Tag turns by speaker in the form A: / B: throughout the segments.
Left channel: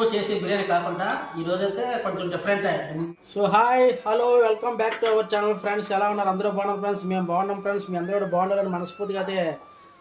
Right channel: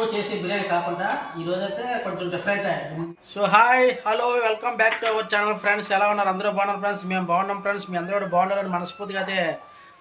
A: ఎప్పుడూ చేసే బిర్యానీ కాకుండా ఈ రోజైతే కొంచెం different so hi hello welcome back to our channel friends ఎలా ఉన్నారు? అందరూ బాగున్నారు ఫ్రెండ్స్ మేము బాగున్నాం ఫ్రెండ్స్ మీ అందరూ కూడా బాగున్నారని మనస్ఫూర్తిగా అయితే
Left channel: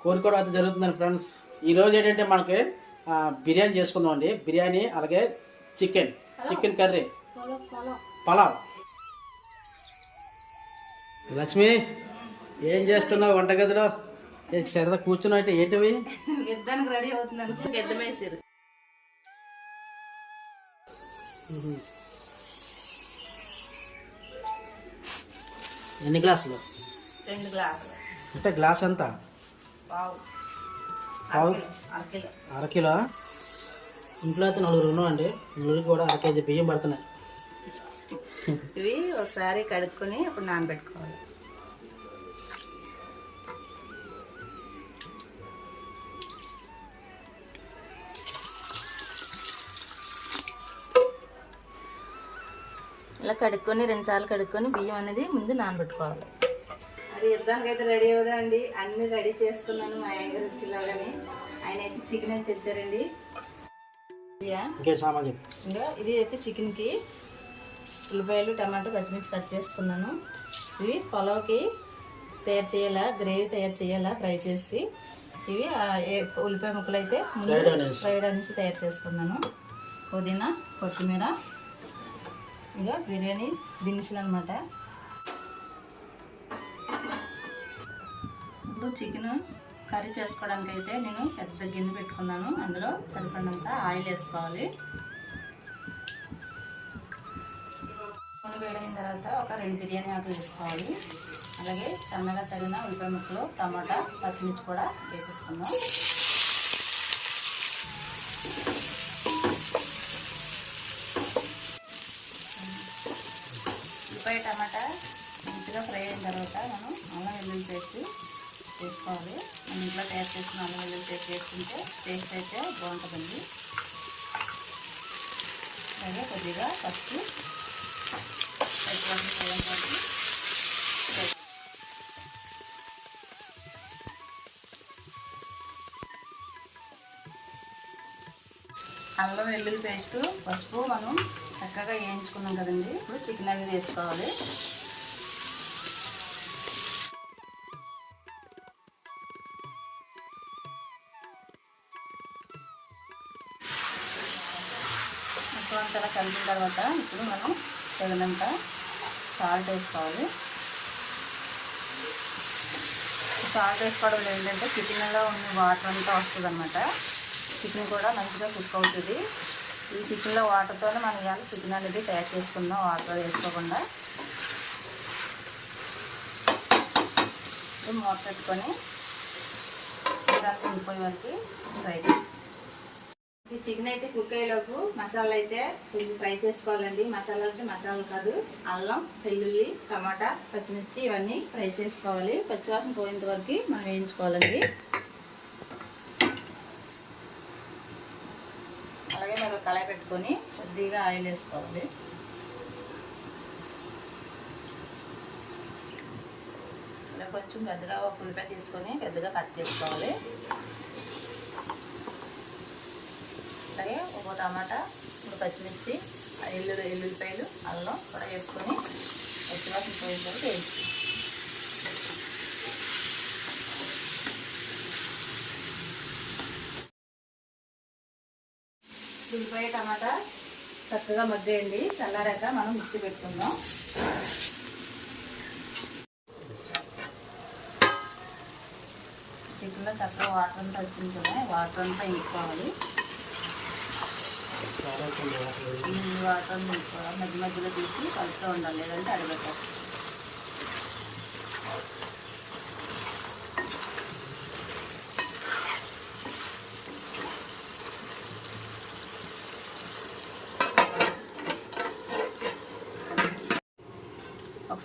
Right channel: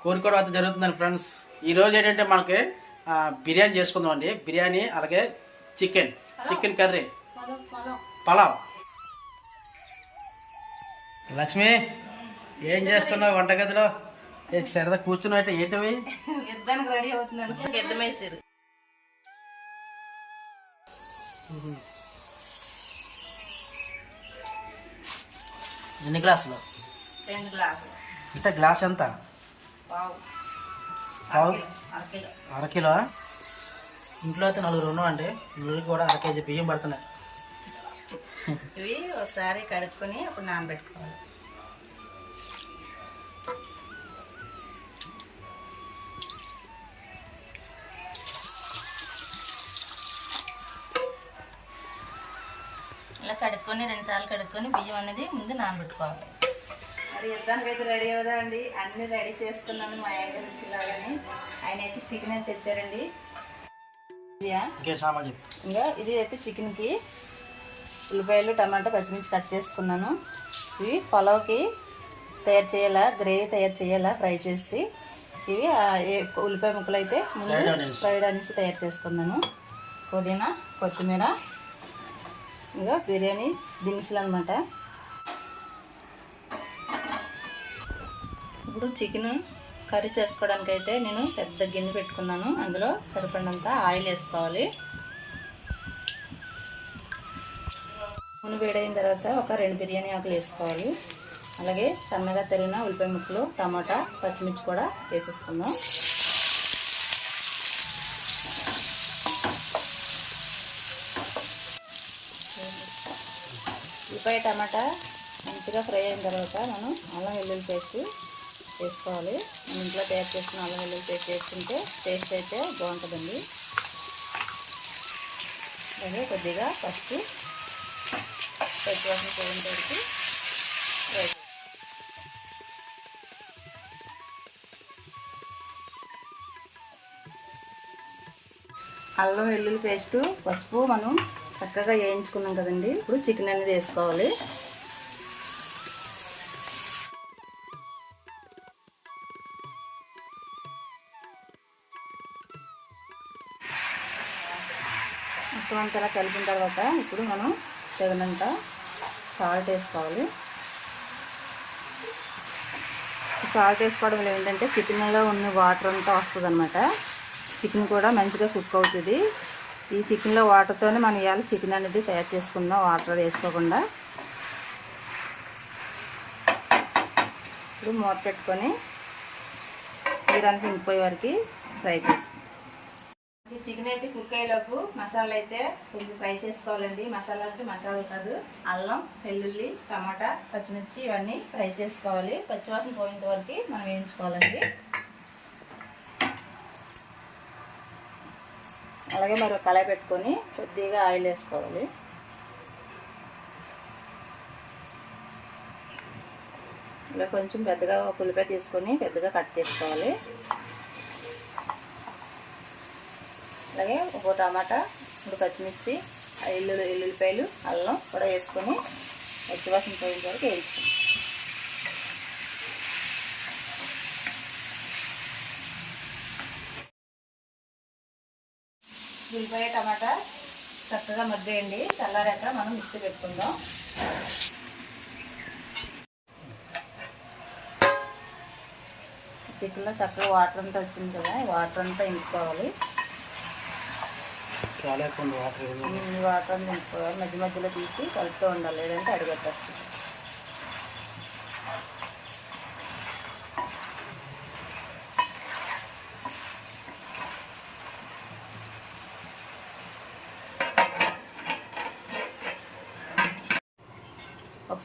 A: కోరుకోవడం అయితే జరుగుతుందండి ఫ్రెండ్స్ ఈ రోజు ఏంటంటే మనకి బిర్యానీ చేసుకుందాం అండి. బిర్యానీ అలాగే chicken. Chicken curry. Pulao Lakshmi ఏం చేస్తున్నావు వంటగదిలో? సరదా కూర్చున్నావు అయితే ఏంటివి?
B: యుద్ధానికి రెడీ అవుతున్నాను. పెద్దమేసారు
A: ఎన్ని గ్లాసులు?
B: రెండు గ్లాసులు.
A: అంటే గ్లాస్ ఎంత?
B: పావు. అరకిలో
A: ఇంట్లో అయితే నలుగురు ఉన్నామండి. నలుగురికి కూడా అర కేజీ బియ్యం పడుతున్నాయి.
B: ఇవి ఒకసారి కడుక్కొని అప్పుడు నానబెట్టుకోవాలి. ఇలా కడుక్కొని రెండు సార్లు కడుక్కొని బియ్యం అనేది ముందు నానబెట్టుకోవాలి. మరి యుద్ధానికి అయితే రెడీ అవుదా అండి అన్ని రెడీ చేసుకున్నాను మా ఆయన ఇచ్చిలాగానే. ఆయన అయితే చికెన్ అయితే తెచ్చారండి. ఇంకా ఇది అయితే చికెన్కి ఉల్లిపాయలు టమాటా పచ్చిమిర్చి కట్ చేసుకున్నాను. ఇవి పొలవుకి తయారు చేయాలా గ్రేవీ తయారు చేయాలా ఫ్రై చేసి ఇవి ఉల్లిపాయ ముక్కలు అయితే. ఫ్రైడ్ అనేసి తయారు చేసుకున్నాను. పుదీనా కొత్తిమీర ఇంకా బిర్యానీ దినుసులు అనమాట ఇప్పుడు చికెన్ కర్రీ చేసుకోవడానికి అయితే నేను పెద్ద గిన్నె పెట్టుకున్నాను. అందులో సరిపడినంత ఆయిల్ వేసుకోవాలి. నూనె వేడైన తర్వాత ఒక రెండు బిర్యానీ ఆకులు వేసుకోవాలి. అలాగే సన్నగా తరిగిన ఉల్లిపాయ ముక్కలు టమాటా పచ్చిమిర్చి కూడా వేసేసుకుందాం. ఉల్లిపాయ టమాటా మంచిగా ఫ్రై అయిన తర్వాత మనం అల్లం వెల్లుల్లి పేస్ట్ వేసుకోవాలి. ఇంట్లో తయారు చేసుకున్న అల్లం వెల్లుల్లి పేస్ట్ వేసుకుంటే టేస్ట్ అయితే బాగుంటుందండి. అలాగే కొద్దిగా పసుపు పెట్టుకోవాల్సిన పొలం కలిపి అల్లం వెల్లుల్లి పేస్ట్ పసుపు మనం చక్కగా వేయించుకున్నాం కదండి. ఇప్పుడు చికెన్ అనేది వేసుకోవాలి. మొత్తం అంతా కలిపిన తర్వాత ఇప్పుడు మనం తగినంత సాల్ట్ వేసుకోవాలి. సాల్ట్ వేసుకోవడం వల్ల ఏంటంటే చికెన్లో ఉన్న వాటర్ అంతా వస్తుంది అనమాట చికెన్ కూడా మంచిగా కుక్ అవుతుంది. ఈ చికెన్లో వాటర్తోనే మనం ఇవాళ చికెన్ అనేది తయారు చేసుకుందాం వాటర్ వేసుకోకుండా. ఇప్పుడు మూత పెట్టుకొని దానికి ఇంకిపోయే వరకు ఫ్రై చేసుకుందాం. ఈ చికెన్ అయితే కుక్ అయ్యేలోపు మసాలా అయితే కొంచెం ఫ్రై చేసుకోవాలండి. మసాలా అంటే మసాలా కాదు. అల్లం వెల్లుల్లి టమాటా పచ్చిమిర్చి ఇవన్నీ ఫ్రై చేసుకోవాలి. పచ్చివాసన పోయేంత వరకు మనం వేయించుకోవాలండి. అలాగే మరి కళాయి పెట్టుకొని కొద్దిగా ఆయిల్ వేసుకోవాలి. ఇలా కొంచెం పెద్దగా ఒక ఉల్లిపాయ తీసుకొని పెద్దగా కట్ చేసుకోవాలి. అలాగే ఒక టమాటా ఇప్పుడు పచ్చిమిర్చి ఎల్లు ఎల్లుల్లిపాయలు అల్లం కూడా వేసుకొని పచ్చివాసన పోయిన వరకు వేసుకోవాలి ఉల్లిపాయ టమాటా చక్కగా మగ్గేయండి. చల్లారాక మనం మిక్సీ పెట్టుకుందాం. చికెన్లో చక్కగా వాటర్ అంతా వచ్చింది కదా వాటర్ అంతా ఇంకోవాలి
A: వాటర్.
B: వాటర్ ఇంకోవాలి మధ్య మధ్యలో తీసి కలుపుతూ ఉండాలి. లేదంటే అడిగేస్తాం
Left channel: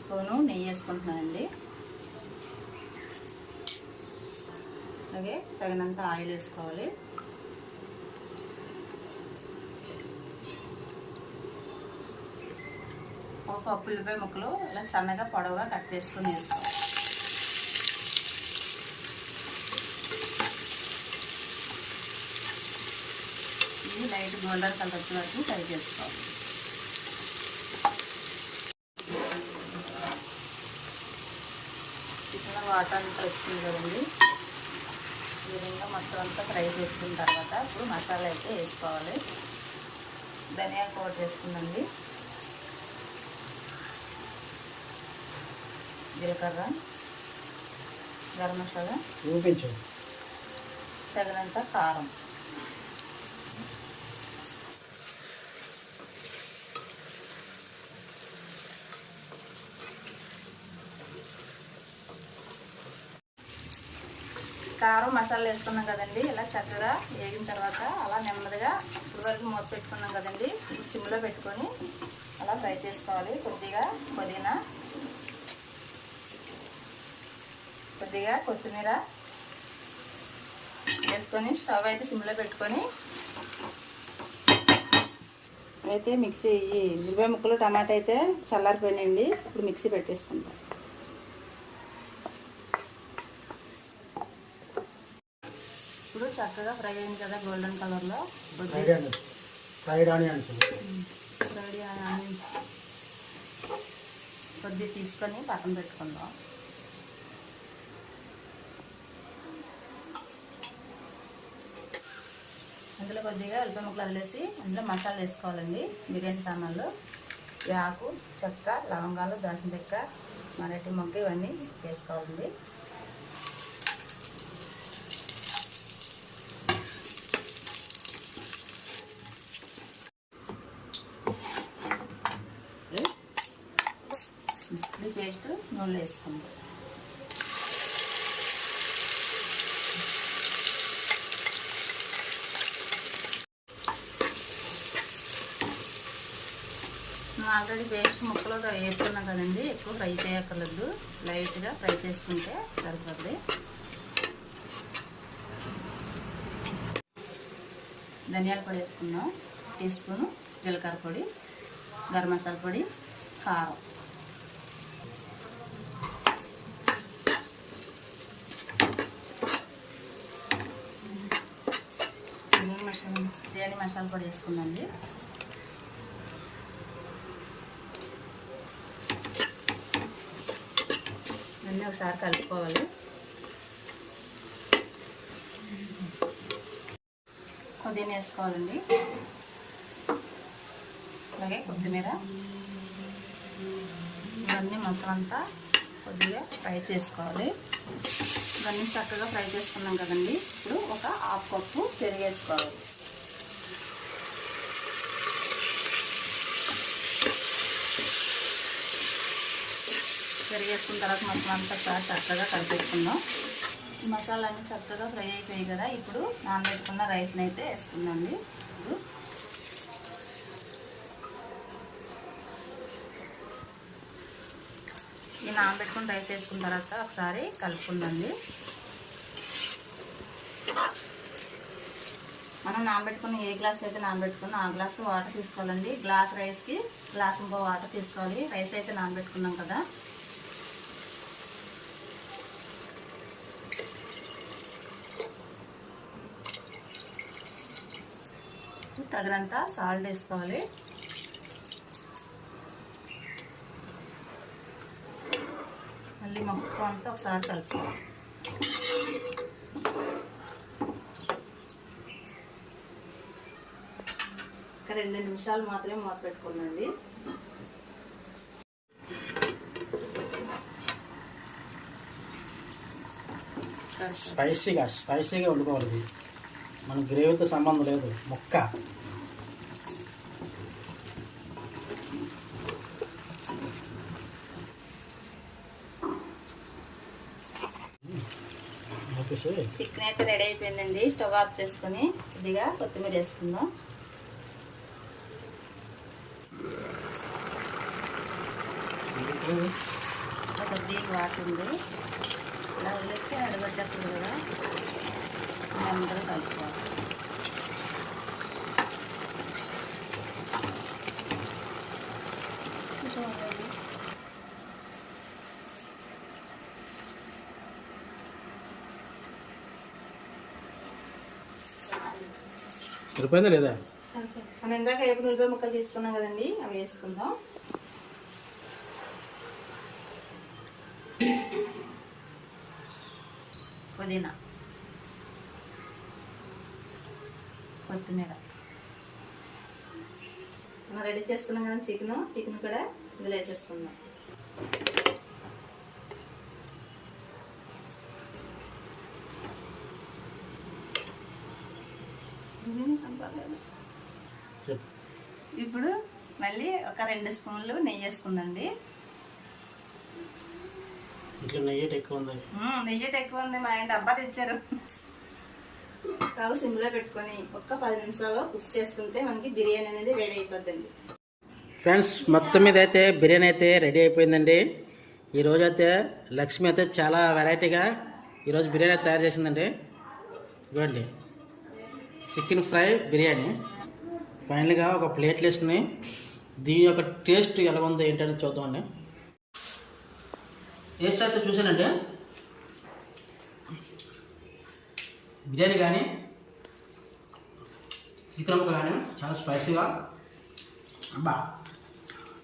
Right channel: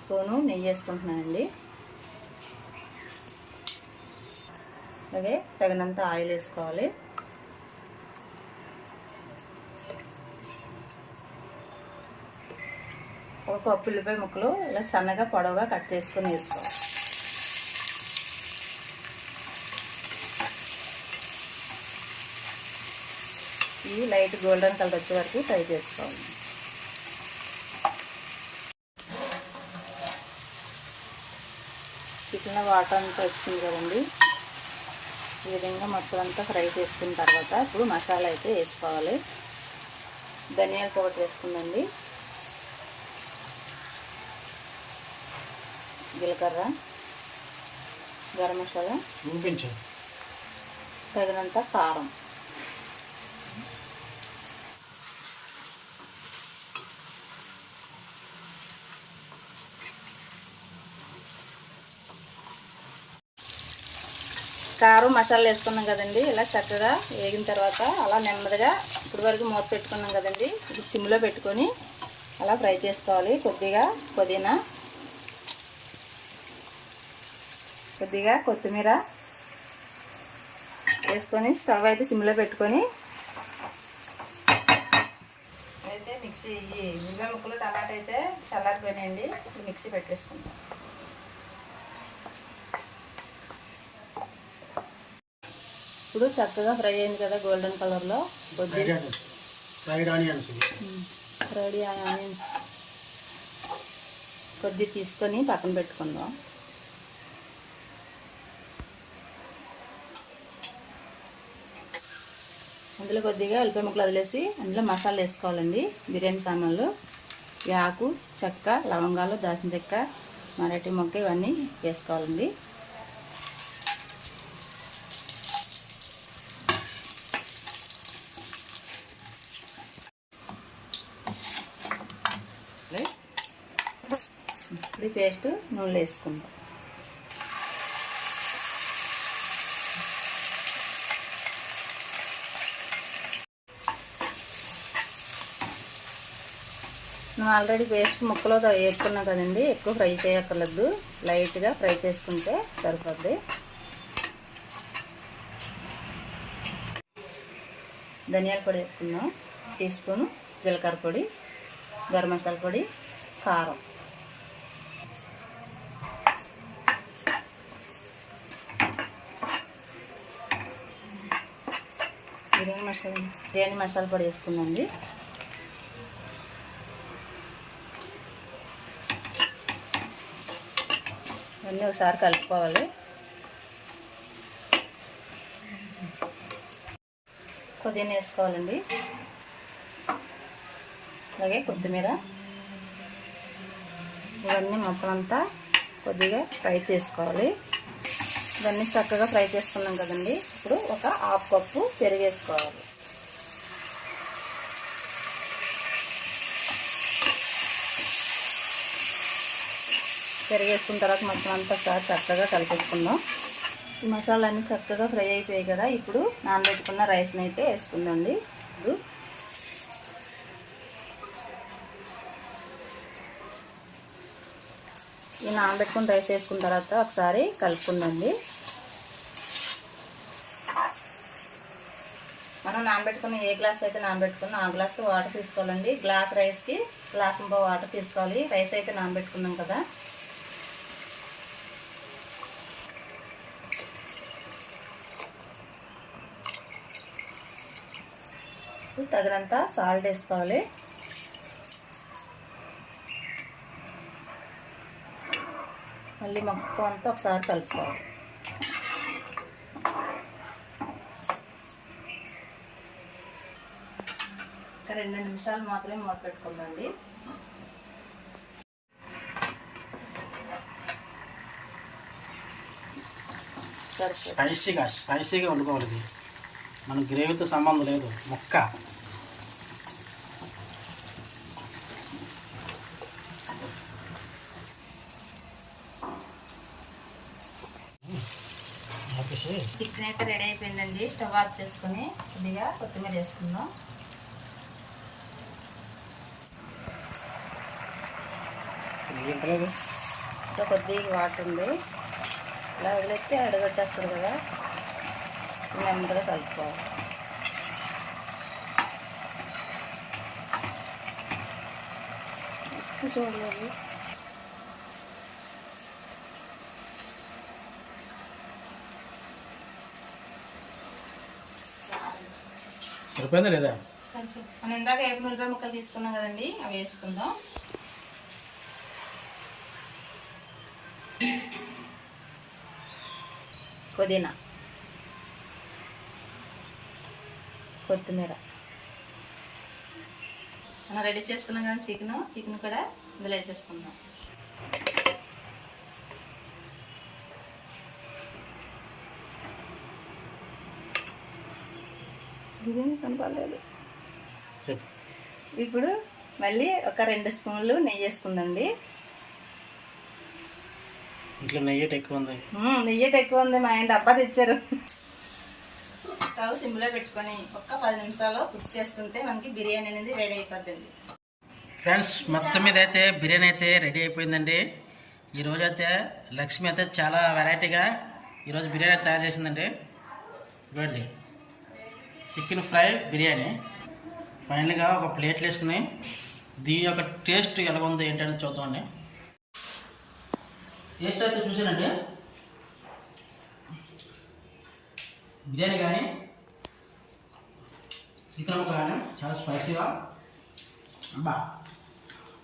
B: స్పూను నెయ్యి వేసుకుంటున్నానండి. అలాగే తగినంత ఆయిల్ వేసుకోవాలి. ఒక కప్పు ఉల్లిపాయ ముక్కలు ఇలా సన్నగా పొడవుగా కట్ చేసుకొని వేసుకోవాలి. ఇది లైట్ గోల్డెన్ కలర్ వచ్చే వరకు ఫ్రై చేసుకోవాలి చికెన్ వాటర్ అంతా వచ్చింది కదండి. ఈ విధంగా మొత్తం అంతా ఫ్రై చేసుకున్న తర్వాత ఇప్పుడు మసాలా అయితే వేసుకోవాలి. ధనియాల పౌడర్ వేసుకుందండి జీలకర్ర గరం మసాలా తగినంత కారం. కారం మసాలా వేసుకున్నాం కదండి. ఇలా చక్కగా వేగిన తర్వాత అలా నెమ్మదిగా ఇప్పటి వరకు మూత పెట్టుకున్నాం కదండి. ఇది చిమ్లో పెట్టుకొని అలా ఫ్రై చేసుకోవాలి. కొద్దిగా పుదీనా కొద్దిగా కొత్తిమీర వేసుకొని స్టవ్ అయితే సిమ్లో పెట్టుకొని అయితే మిక్సీ ఈ ఉల్లిపాయ ముక్కలు టమాటా అయితే చల్లారిపోయినాయండి. ఇప్పుడు మిక్సీ పెట్టేసుకుంటాం ఇప్పుడు చక్కగా ఫ్రై అయింది కదా గోల్డెన్ కలర్లో.
A: Fried onions fried onions
B: ready onions కొద్ది తీసుకొని పక్కన పెట్టుకుందాం. అందులో కొద్దిగా ఉల్లిపాయ ముక్కలు వదిలేసి అందులో మసాలా వేసుకోవాలండి. బిర్యానీ సామాన్లు ఈ ఆకు చెక్క లవంగాలు దాచిన చెక్క మరటి మొక్క ఇవన్నీ వేసుకోవాలండి. పేస్ట్ నూనెలో వేసుకుందాం. మనం ఆల్రెడీ పేస్ట్ ముక్కలో వేసుకున్నాం కదండి ఎక్కువ ఫ్రై చేయక్కర్లేదు. లైట్గా ఫ్రై చేసుకుంటే సరిపోద్ది. ధనియాల పొడి వేసుకుందాం. టీ స్పూన్ జీలకర్ర పొడి గరం మసాలా పొడి కారం. బిర్యానీ మసాలా బిర్యానీ మసాలా పొడి వేసుకుందండి అన్నీ ఒకసారి కలుపుకోవాలి. పుదీనా వేసుకోవాలండి. అలాగే కొత్తిమీర. ఇవన్నీ మొత్తం అంతా కొద్దిగా ఫ్రై చేసుకోవాలి. ఇవన్నీ చక్కగా ఫ్రై చేసుకున్నాం కదండి. ఇప్పుడు ఒక హాఫ్ కప్పు పెరిగేసుకోవాలి వేసుకోవాలి వేసుకున్న తర్వాత మొత్తం అంతా ఒకసారి చక్కగా కలిపేసుకుందాం. ఈ మసాలా అన్ని చక్కగా ఫ్రై అయిపోయాయి కదా. ఇప్పుడు నానబెట్టుకున్న రైస్ని అయితే వేసుకుందండి ఇప్పుడు ఈ నానబెట్టుకుని రైస్ వేసుకున్న తర్వాత ఒకసారి కలుపుకుందండి మనం నానబెట్టుకున్న ఏ గ్లాస్ అయితే నానబెట్టుకున్నా ఆ గ్లాస్తో వాటర్ తీసుకోవాలండి. గ్లాస్ రైస్కి గ్లాస్ ఇంకో వాటర్ తీసుకోవాలి. రైస్ అయితే నానబెట్టుకున్నాం కదా. తగినంత సాల్ట్ వేసుకోవాలి. మళ్ళీ మొత్తం అంతా ఒకసారి కలుపుకోవాలి. ఒక రెండు నిమిషాలు మాత్రమే మూత పెట్టుకుందండి
A: స్పైసీగా స్పైసీగా వండుకోవాలి మన గ్రేవీతో సంబంధం లేదు. మొక్క ఆపేసి
B: చికెన్ అయితే రెడీ అయిపోయిందండి. స్టవ్ ఆఫ్ చేసుకుని ఇదిగా కొత్తిమీర వేసుకుందాం. కొద్దిగా వాటర్ ఉంది. ఇలా వదిలేస్తే అడగొచ్చేస్తుంది కదా. అందరూ కలుపుకోవాలి. చూడండి.
A: సరిపోయిందా లేదా?
B: మనం ఇందాక ఏపు మిరపకాయ ముక్కలు తీసుకున్నాం కదండి అవి వేసుకుందాం. పుదీనా. కొత్తిమీర. మనం రెడీ చేసుకున్నాం కదా చికెన్. చికెన్ కూడా ఇందులో వేసేసుకుందాం.
A: చెప్పు.
B: ఇప్పుడు మళ్ళీ ఒక రెండు స్పూన్లు నెయ్యి వేసుకుందండి.
A: ఇంట్లో నెయ్యి ఎక్కువ ఉంది?
B: నెయ్యి ఎక్కువ ఉంది మా ఆయన డబ్బా తెచ్చారు. స్టవ్ సిమ్లో పెట్టుకొని ఒక్క పది నిమిషాలు కుక్ చేసుకుంటే మనకి బిర్యానీ అనేది రెడీ అయిపోద్దండి.
A: ఫ్రెండ్స్ మొత్తం మీద అయితే బిర్యానీ అయితే రెడీ అయిపోయిందండి. ఈరోజు అయితే లక్ష్మి అయితే చాలా వెరైటీగా ఈరోజు బిర్యానీ తయారు చేసిందండి. ఇవ్వండి చికెన్ ఫ్రై బిర్యానీ. ఫైనల్గా ఒక ప్లేట్లు వేసుకుని దీని యొక్క టేస్ట్ ఎలా ఉందో ఏంటనేది చూద్దామండి. టేస్ట్ అయితే చూసానండి బిర్యానీ కానీ చికెన్ కానీ చాలా స్పైసీగా. అబ్బా.